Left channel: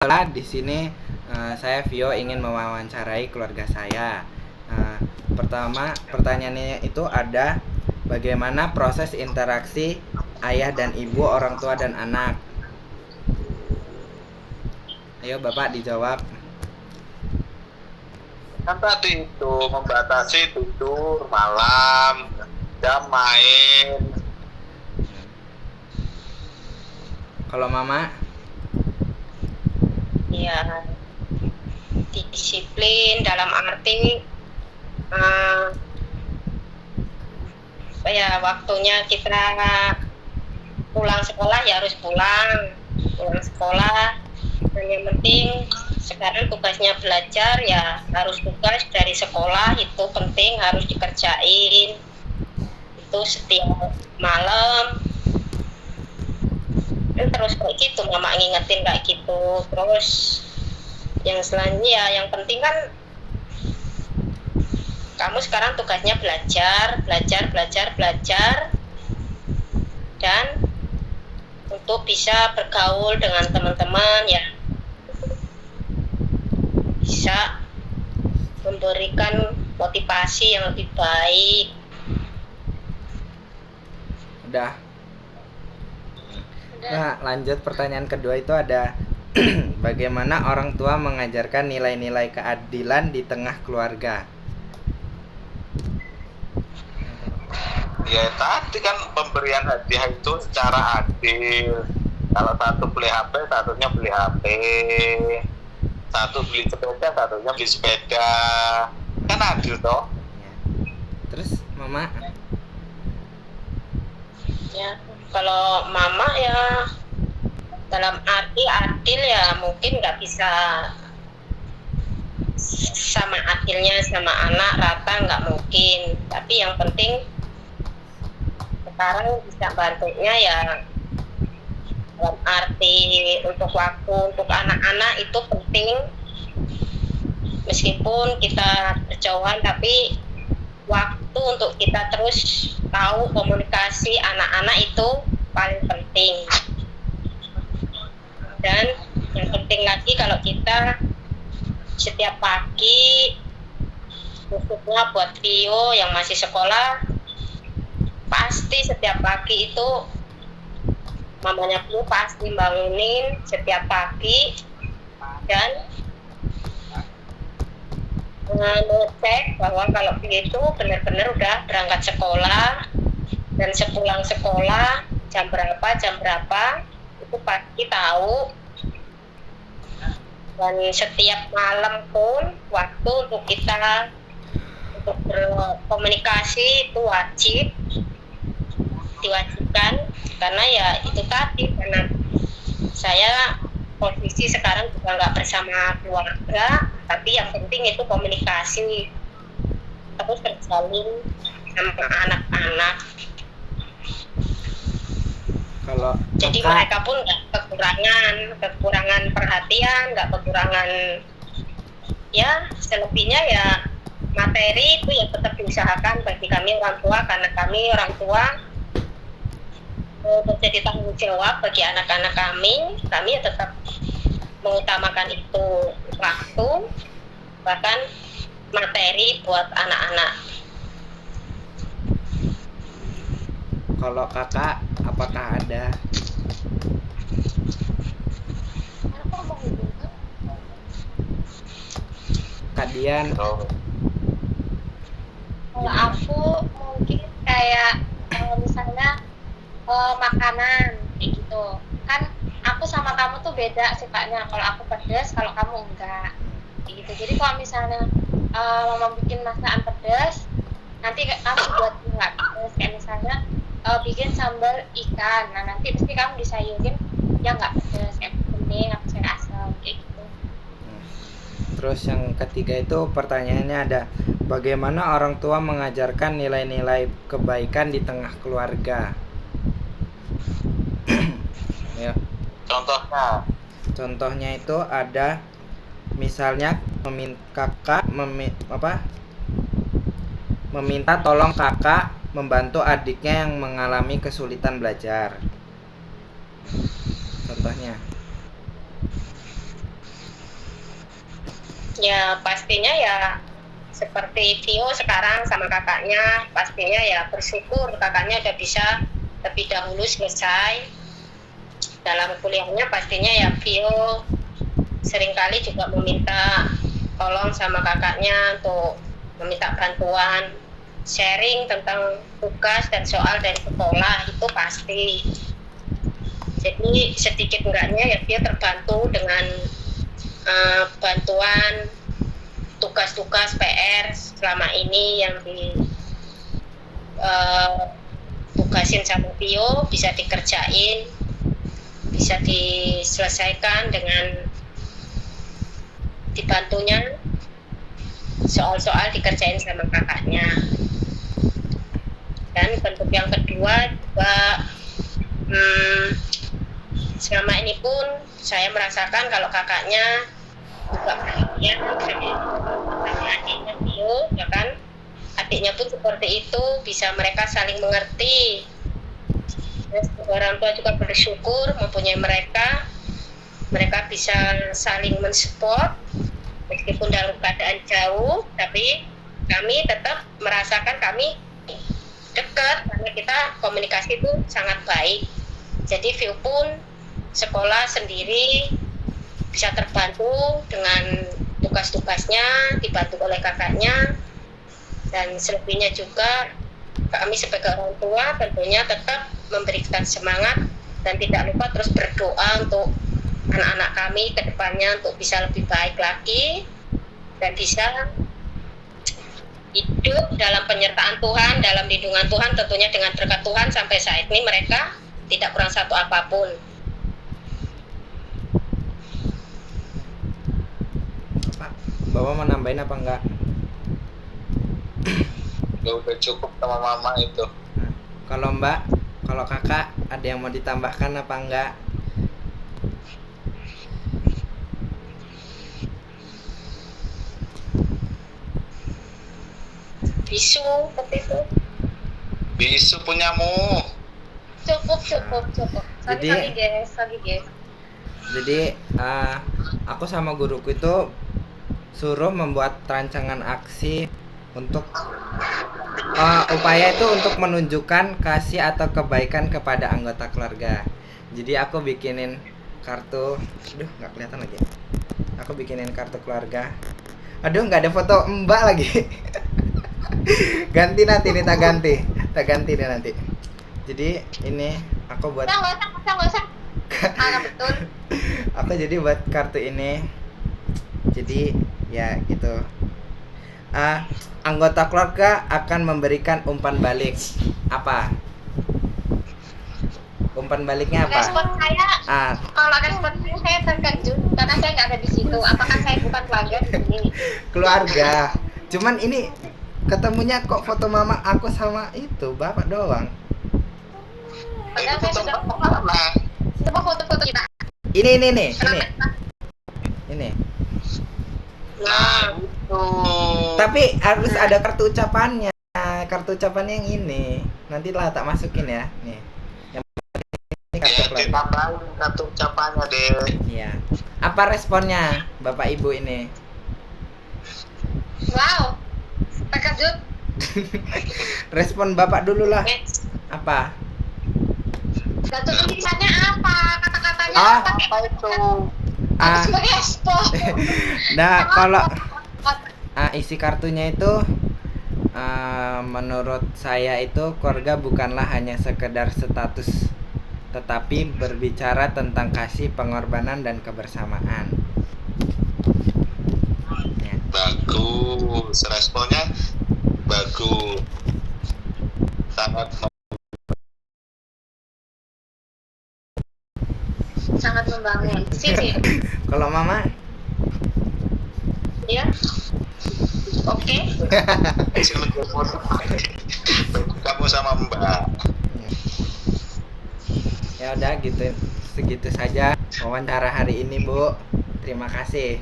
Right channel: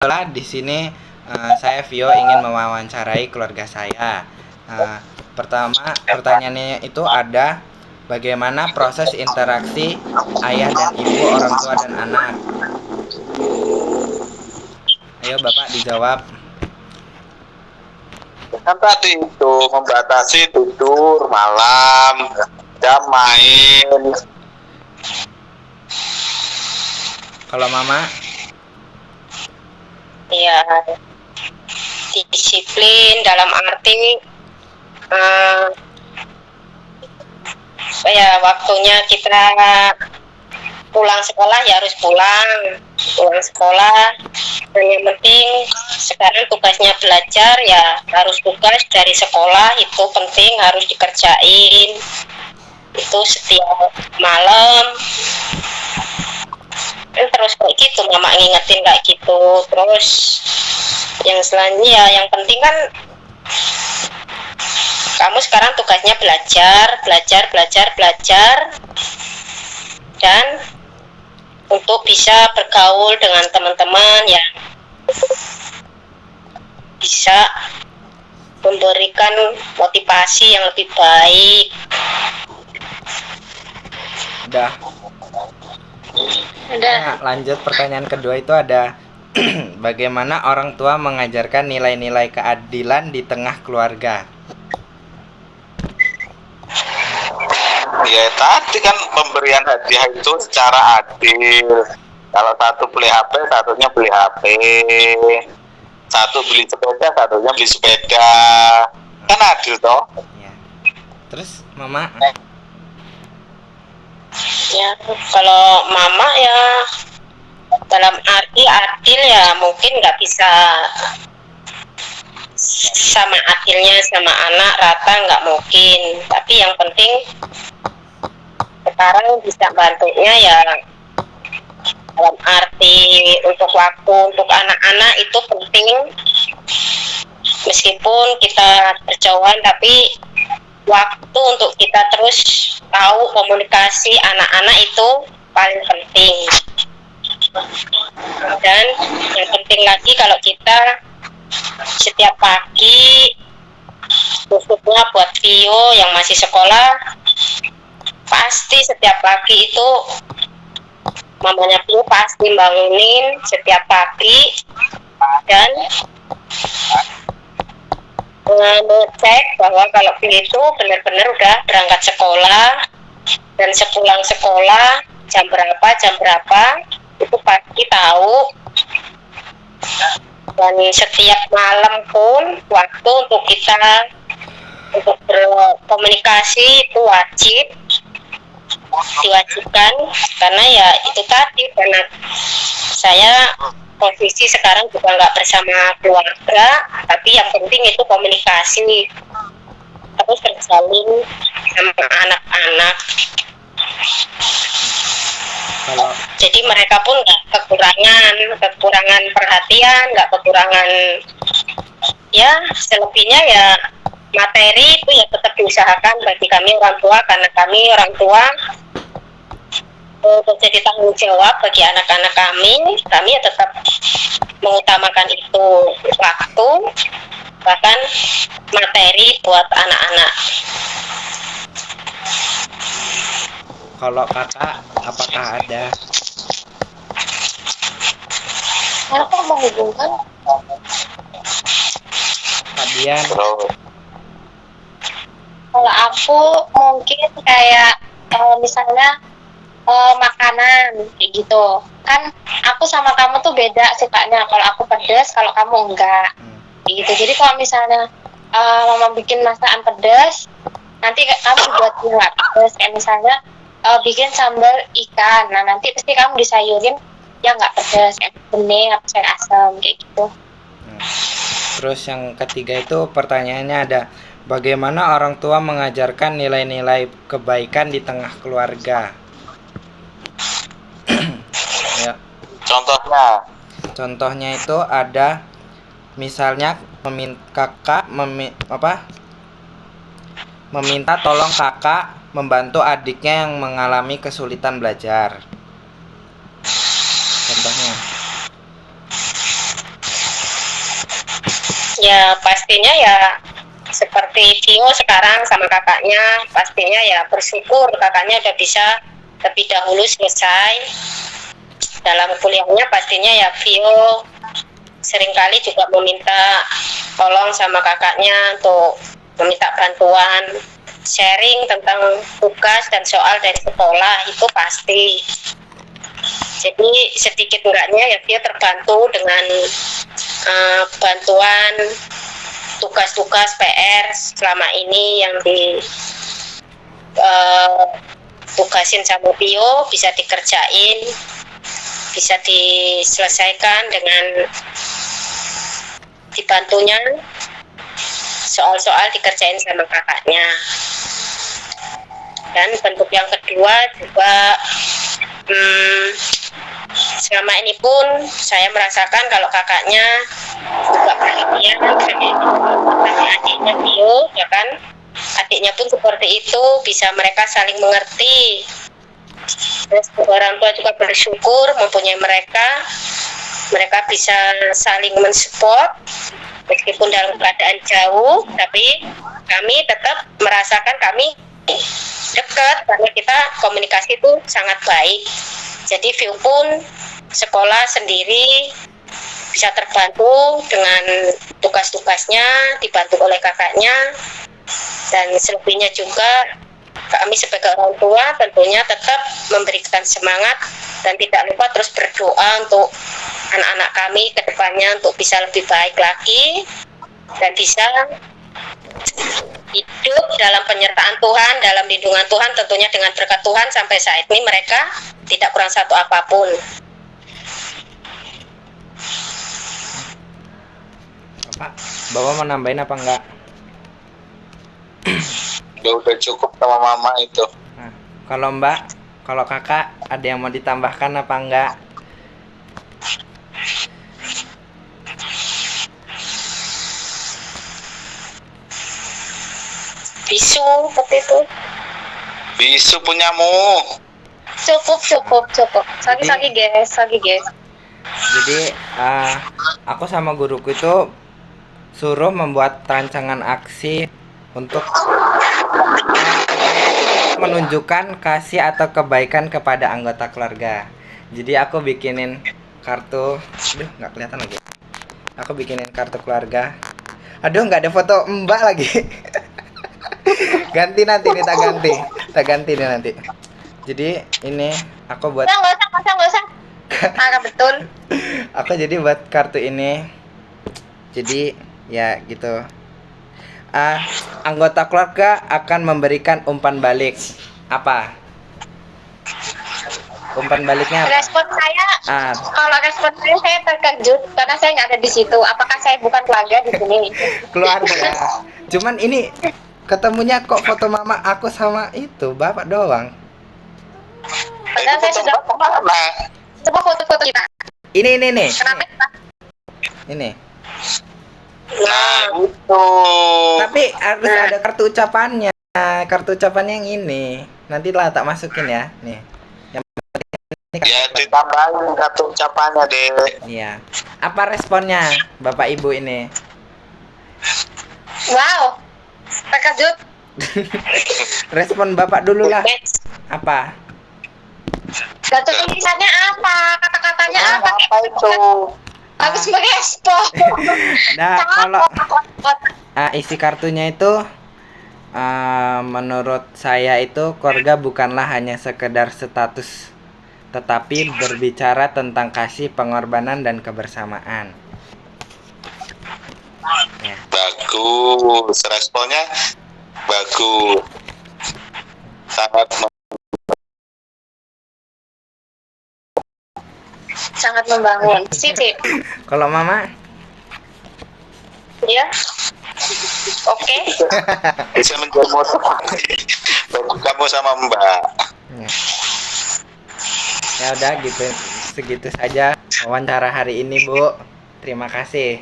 Di sini saya Vio ingin mewawancarai keluarga saya. Pertama, pertanyaannya itu ada bagaimana proses interaksi ayah dan ibu, orang tua dan anak. Ayo Bapak dijawab. Kan tadi itu membatasi tidur malam, jam main. Kalau Mama? Ya, disiplin dalam arti ya waktunya kita pulang sekolah ya harus pulang sekolah, dan yang penting sekarang tugasnya belajar ya harus tugas dari sekolah, itu penting harus dikerjain itu setiap malam. Terus kayak gitu mama ngingetin kayak gitu. Terus yang selanjutnya ya yang penting kan kamu sekarang tugasnya belajar dan untuk bisa bergaul dengan teman-teman yang bisa memberikan motivasi yang lebih baik. Udah. Nah, lanjut pertanyaan kedua itu ada bagaimana orang tua mengajarkan nilai-nilai keadilan di tengah keluarga? Ya tadi kan pemberian hadiah itu secara adil. Kalau satu beli HP, satunya beli HP. Satu beli sepeda, satunya beli sepeda. Kan adil toh? Ya. Terus Mama? Ya, kalau mama ya dalam arti adil ya mungkin nggak bisa sama adilnya sama anak rata, nggak mungkin. Tapi yang penting sekarang bisa bantunya ya dalam arti untuk waktu untuk anak-anak itu penting. Meskipun kita berjauhan tapi waktu untuk kita terus tahu komunikasi anak-anak itu paling penting. Dan yang penting lagi kalau kita setiap pagi, khususnya buat Vio yang masih sekolah, pasti setiap pagi itu mamanya Vio pasti bangunin setiap pagi dan ngecek bahwa kalau Vio itu benar-benar udah berangkat sekolah dan sepulang sekolah jam berapa itu pasti tahu. Dan setiap malam pun waktu untuk kita untuk berkomunikasi itu diwajibkan, karena ya itu tadi karena saya posisi sekarang juga nggak bersama keluarga, tapi yang penting itu komunikasi terus terjalin sama anak-anak. Jadi mereka pun nggak kekurangan perhatian, nggak kekurangan ya selebihnya ya materi itu ya tetap diusahakan bagi kami orang tua, karena kami orang tua untuk jadi tanggung jawab bagi anak-anak kami ya tetap mengutamakan itu waktu bahkan materi buat anak-anak. Kalau kakak apakah ada? Aku menghubungkan Kak Dian. Kalau aku mungkin kayak misalnya makanan kayak gitu kan, aku sama kamu tuh beda sukanya. Kalau aku pedas, kalau kamu enggak kayak gitu. Jadi kalau misalnya mama bikin masakan pedas, nanti kamu buat buat pedas. Kayak misalnya bikin sambal ikan, nah nanti pasti kamu disayurin yang nggak pedas, kayak bening atau sayur asam kayak gitu. Terus yang ketiga itu pertanyaannya ada bagaimana orang tua mengajarkan nilai-nilai kebaikan di tengah keluarga? Ya. Contohnya itu ada misalnya meminta tolong kakak membantu adiknya yang mengalami kesulitan belajar. Contohnya. Ya pastinya ya seperti Vio sekarang sama kakaknya, pastinya ya bersyukur kakaknya udah bisa lebih dahulu selesai dalam kuliahnya. Pastinya ya Vio seringkali juga meminta tolong sama kakaknya untuk meminta bantuan sharing tentang tugas dan soal dari sekolah, itu pasti. Jadi sedikit enggaknya ya dia terbantu dengan bantuan tugas-tugas PR selama ini yang tugasin sama Pio bisa dikerjain, bisa diselesaikan dengan dibantunya, soal-soal dikerjain sama kakaknya. Dan bentuk yang kedua juga selama ini pun saya merasakan kalau kakaknya juga perhatian sama adiknya Pio, ya kan? Adiknya pun seperti itu, bisa mereka saling mengerti. Terus orang tua juga bersyukur mempunyai mereka bisa saling mensupport meskipun dalam keadaan jauh, tapi kami tetap merasakan kami dekat karena kita komunikasi itu sangat baik. Jadi View pun sekolah sendiri bisa terbantu dengan tugas-tugasnya, dibantu oleh kakaknya, dan selebihnya juga kami sebagai orang tua tentunya tetap memberikan semangat dan tidak lupa terus berdoa untuk anak-anak kami ke depannya untuk bisa lebih baik lagi dan bisa hidup dalam penyertaan Tuhan, dalam lindungan Tuhan, tentunya dengan berkat Tuhan. Sampai saat ini mereka tidak kurang satu apapun. Bapak mau nambahin apa enggak? Udah cukup sama mama itu. Nah, kalau Mbak, kalau kakak ada yang mau ditambahkan apa enggak? Bisu seperti itu. Bisu punyamu. Cukup. Lagi guys. Jadi aku sama guruku itu suruh membuat rancangan aksi untuk upaya itu untuk menunjukkan kasih atau kebaikan kepada anggota keluarga. Jadi aku bikinin kartu, nggak kelihatan lagi. Aku bikinin kartu keluarga. Aduh, nggak ada foto Mbak lagi. Ganti nanti nih, tak ganti nih nanti. Jadi ini aku buat. Nggak usah. Betul. Aku jadi buat kartu ini. Jadi ya gitu. Anggota keluarga akan memberikan umpan balik. Apa? Umpan baliknya apa? Respon saya, kalau respon saya terkejut karena saya nggak ada di situ. Apakah saya bukan keluarga di sini? Keluarga. Cuman ini ketemunya kok foto mama aku sama itu bapak doang. Padahal saya sudah coba foto-foto kita. Ini nih. Ini. Nah, itu. Tapi harus ada kartu ucapannya. Kartu ucapannya yang ini. Nanti lah tak masukin ya. Nih. Yang ini kartu Ya, ditambahin kartu ucapannya deh. Iya. Apa responnya Bapak Ibu ini? wow, terkejut. Respon Bapak dulu lah. Apa? Gak tulisannya apa? Kata-katanya apa? Apa itu? Habis merespon. Nah, kalau isi kartunya itu menurut saya itu keluarga bukanlah hanya sekedar status, tetapi berbicara tentang kasih, pengorbanan, dan kebersamaan. Ya. Bagus, responnya bagus. Sangat membangun. Sip. Kalau Mama? Ya. Oke. Bisa menjual motor. Kamu sama Mbak. Ya udah gitu. Segitu saja wawancara hari ini, Bu. Terima kasih.